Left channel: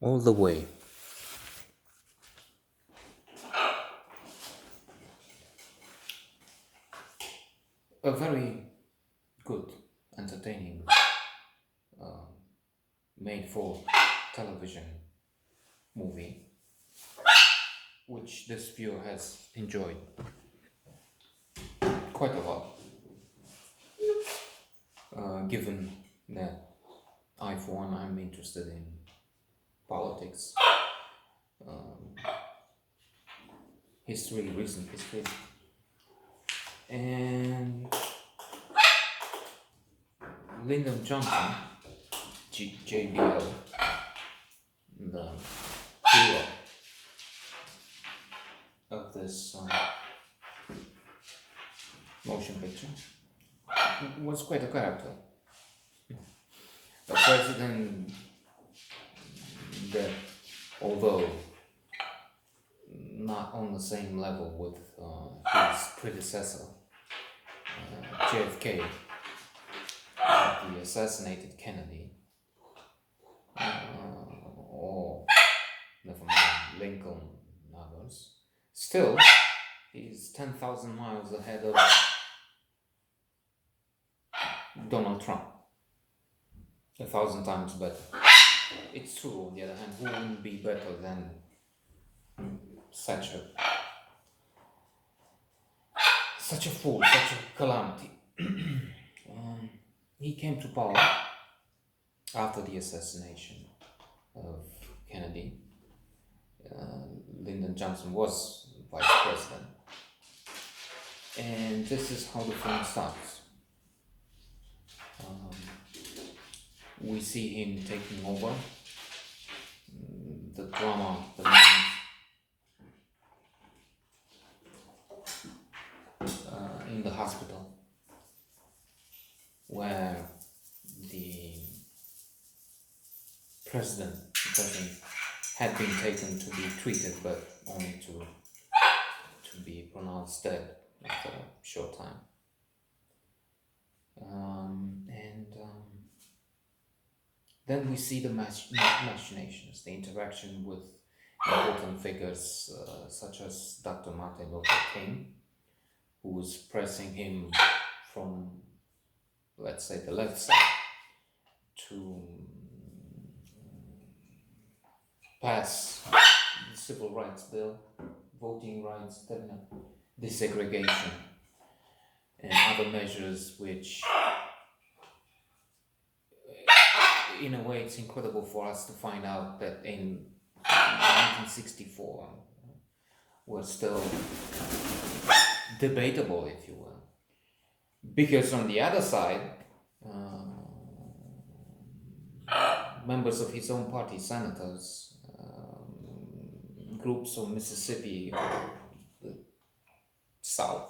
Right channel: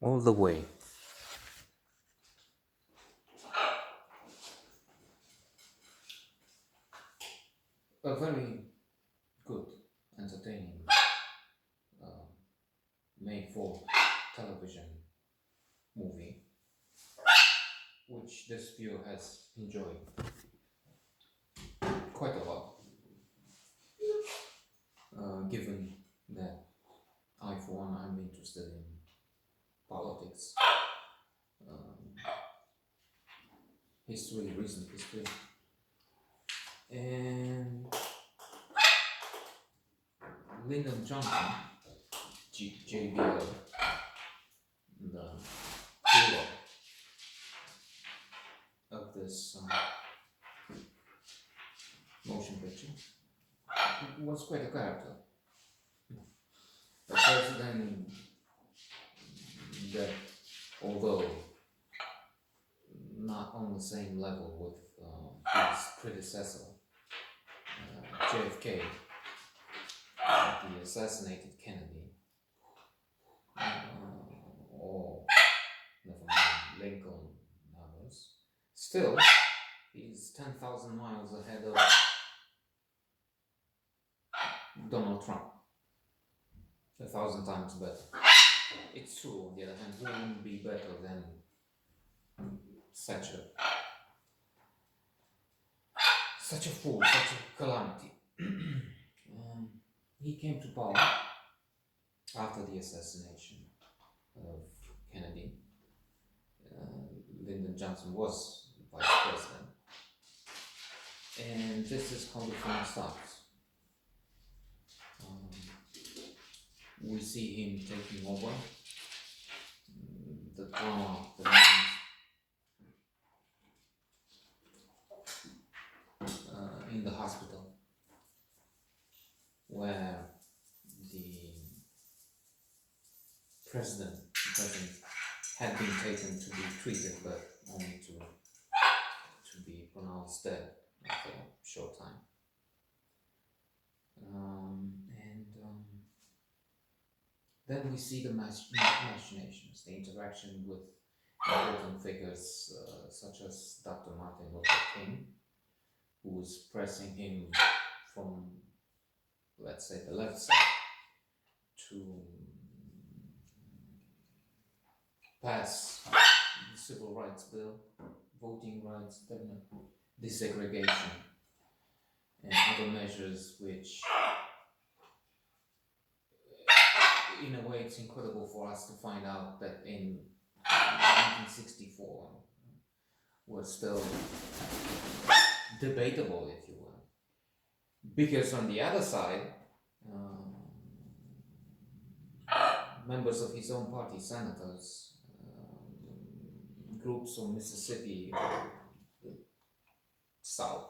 all the way. A very good, entertaining, made for television movie, which this viewer has enjoyed quite a lot, given that I, for one, I'm interested in politics, history, recent history, and Lyndon Johnson, JBL, the hero of this motion picture, was quite a character. A president that, although not on the same level with his predecessor, JFK, the assassinated Kennedy, or never mind, Lincoln and others, still he's 10,000 miles ahead of Donald Trump. 1,000 times better. It's true, on the other hand, who wouldn't be better than such a fool, such a calamity? He came to power after the assassination of Kennedy. Lyndon Johnson was vice president. And this is how the film starts. We see him taking over the drama, the in the hospital, where the president had been taken to be treated, but only to be pronounced dead after a short time. Then we see the machinations, the interaction with important figures such as Dr. Martin Luther King, who was pressing him from, let's say, the left side to pass the Civil Rights Bill, voting rights, desegregation, and other measures which, in a way, it's incredible for us to find out that in 1964 were still debatable, if you will. Because on the other side, members of his own party, senators, groups of Mississippi, the South,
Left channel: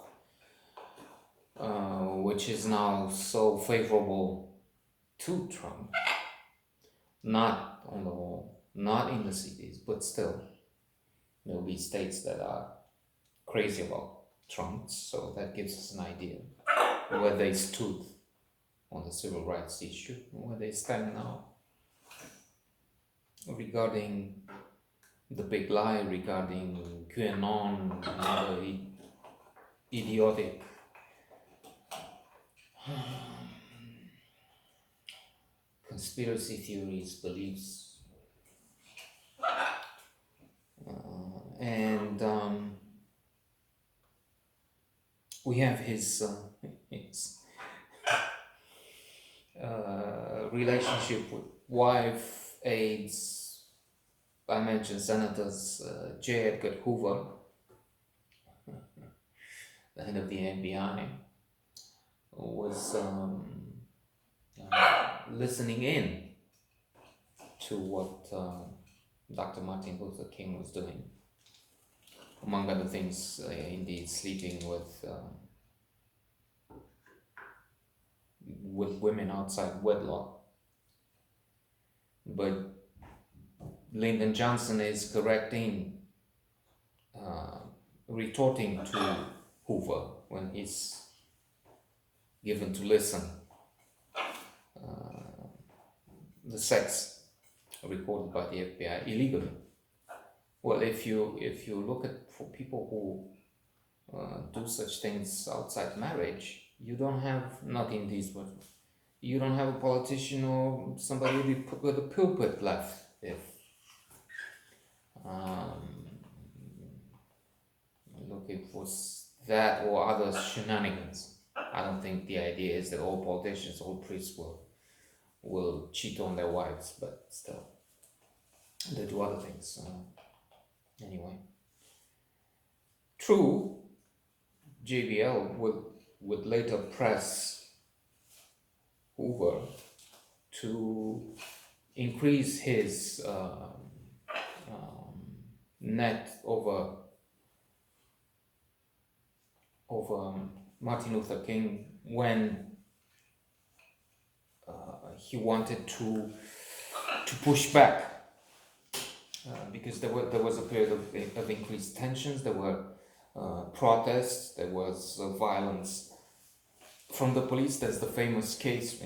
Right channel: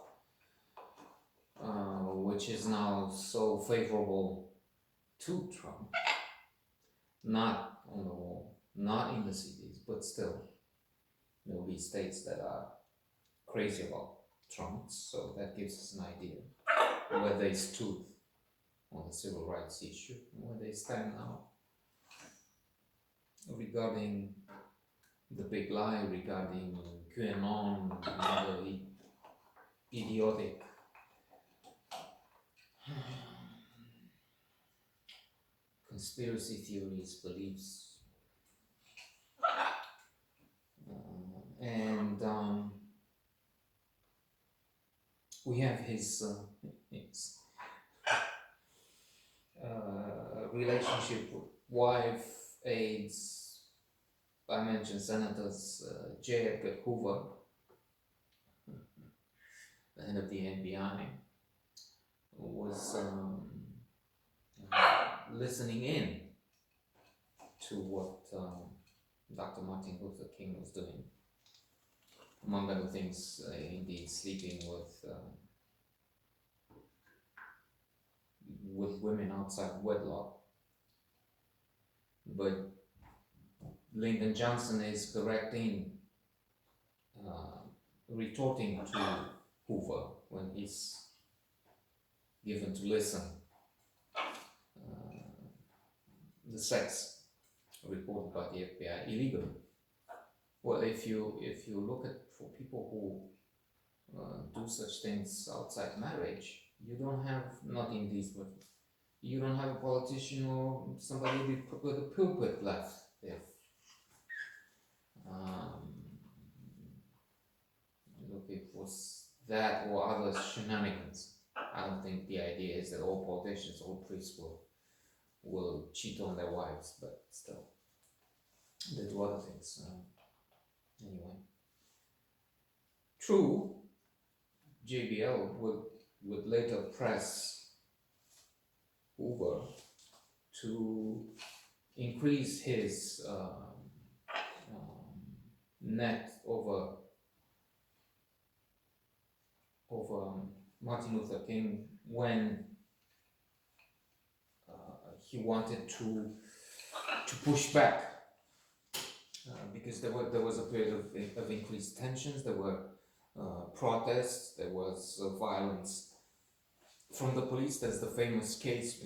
which is now so favorable to Trump, not on the whole, not in the cities, but still, there will be states that are crazy about Trump, so that gives us an idea where they stood on the civil rights issue, where they stand now regarding the big lie, regarding QAnon and other idiotic conspiracy theories, beliefs, and we have his relationship with wife, aides. I mentioned Senators J. Edgar Hoover, the head of the FBI, was listening in to what Dr. Martin Luther King was doing. Among other things, indeed, sleeping with women outside wedlock. But Lyndon Johnson is retorting to Hoover when he's given to listen the sex recorded by the FBI illegally. Well, if you look at for people who do such things outside marriage, you don't have, not in these words, you don't have a politician or somebody with a pulpit left. If look, it was that or other shenanigans. I don't think the idea is that all politicians, all priests will cheat on their wives, but still, they do other things. Anyway, true, JBL would later press Hoover to increase his net over Martin Luther King when he wanted to push back because there was a period of increased tensions. There were protests. There was violence from the police. There's the famous case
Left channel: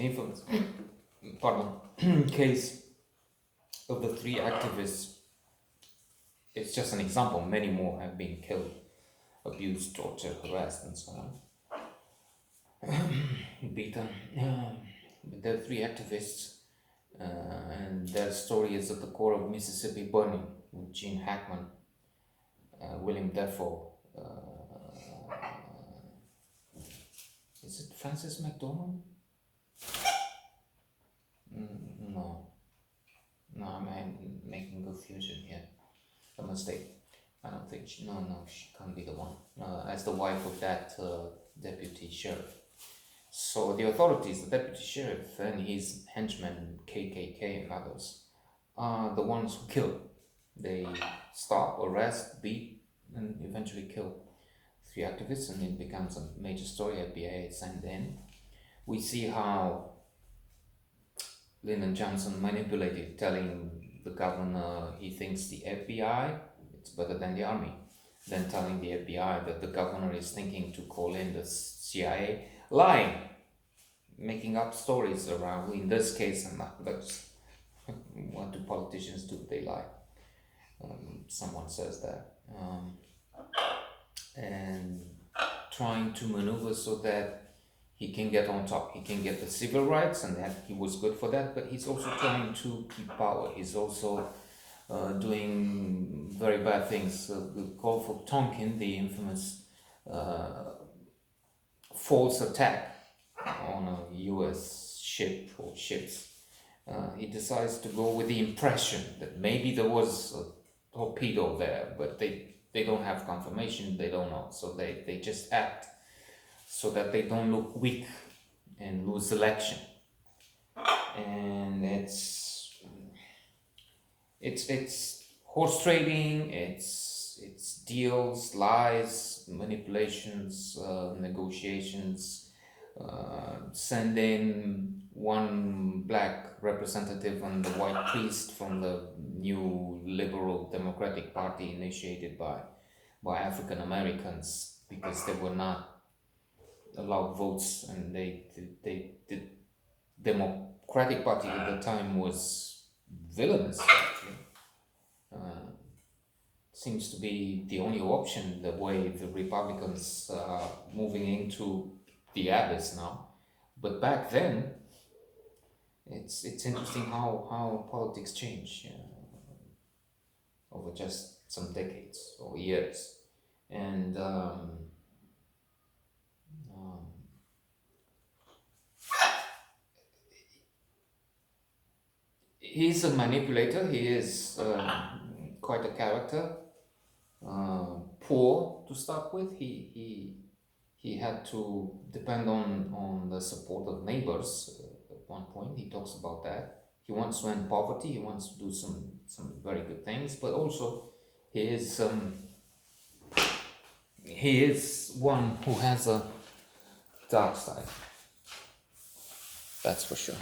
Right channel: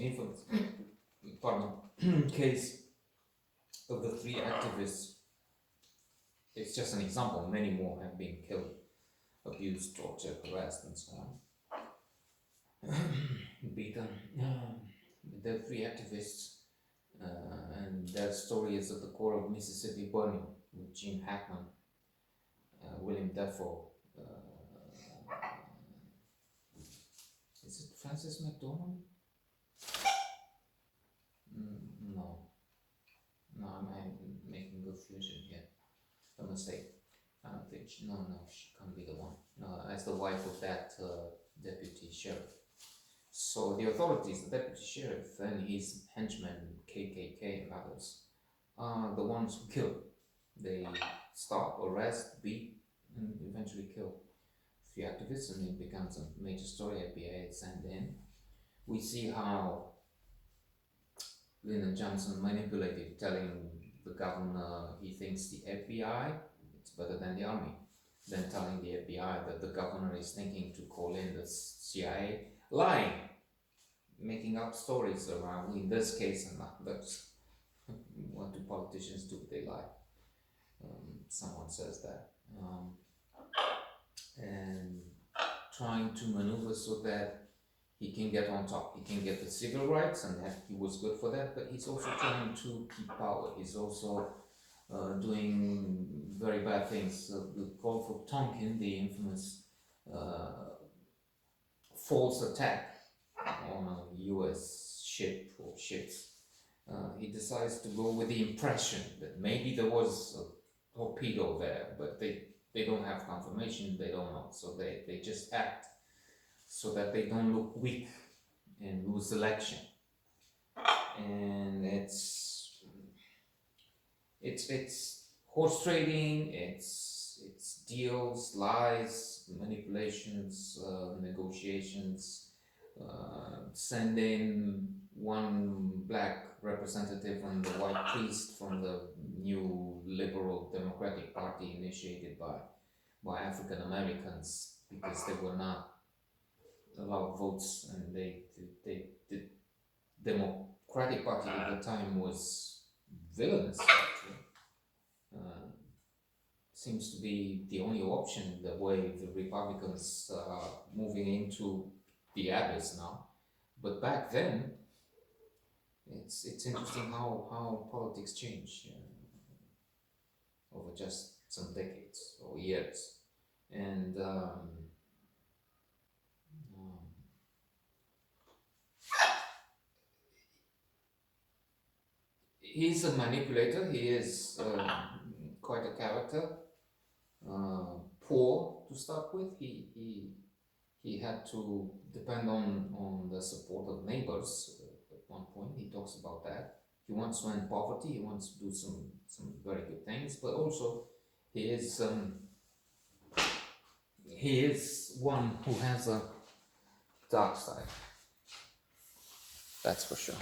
of the 3 activists. It's just an example. Many more have been killed, abused, tortured, harassed, and so on. Beaten. There are 3 activists, and their story is at the core of Mississippi Burning with Gene Hackman, William Defoe. Is it Francis McDormand? No, I'm making confusion here. A mistake. I don't think she can't be the one. As the wife of that deputy sheriff. So the authorities, the deputy sheriff and his henchmen, KKK and others, are the ones who kill. They stop, arrest, beat, and eventually kill 3 activists, and it becomes a major story. FBI is sent in. We see how Lyndon Johnson manipulated, telling the governor he thinks the FBI it's better than the army, then telling the FBI that the governor is thinking to call in the CIA, lying, making up stories around. In this case, that's what do politicians do? They lie. Someone says that, and trying to maneuver so that he can get on top. He can get the civil rights, and that he was good for that. But he's also trying to keep power. He's also doing very bad things. The call for Tonkin, the infamous false attack on a U.S. ship or ships, he decides to go with the impression that maybe there was a torpedo there, but they don't have confirmation, they don't know, so they just act so that they don't look weak and lose election. And it's horse trading, it's deals, lies, manipulations, negotiations, send in one black representative and the white priest from the new liberal democratic party initiated by African Americans because they were not allowed votes, and the Democratic Party at the time was villainous actually. Seems to be the only option, the way the Republicans are moving into the abyss now. But back then, it's interesting how politics change over just some decades or years. And he's a manipulator. He is quite a character. Poor to start with. He had to depend on the support of neighbors at one point. He talks about that. He wants to end poverty. He wants to do some very good things, but also he is one who has a dark side. That's for sure.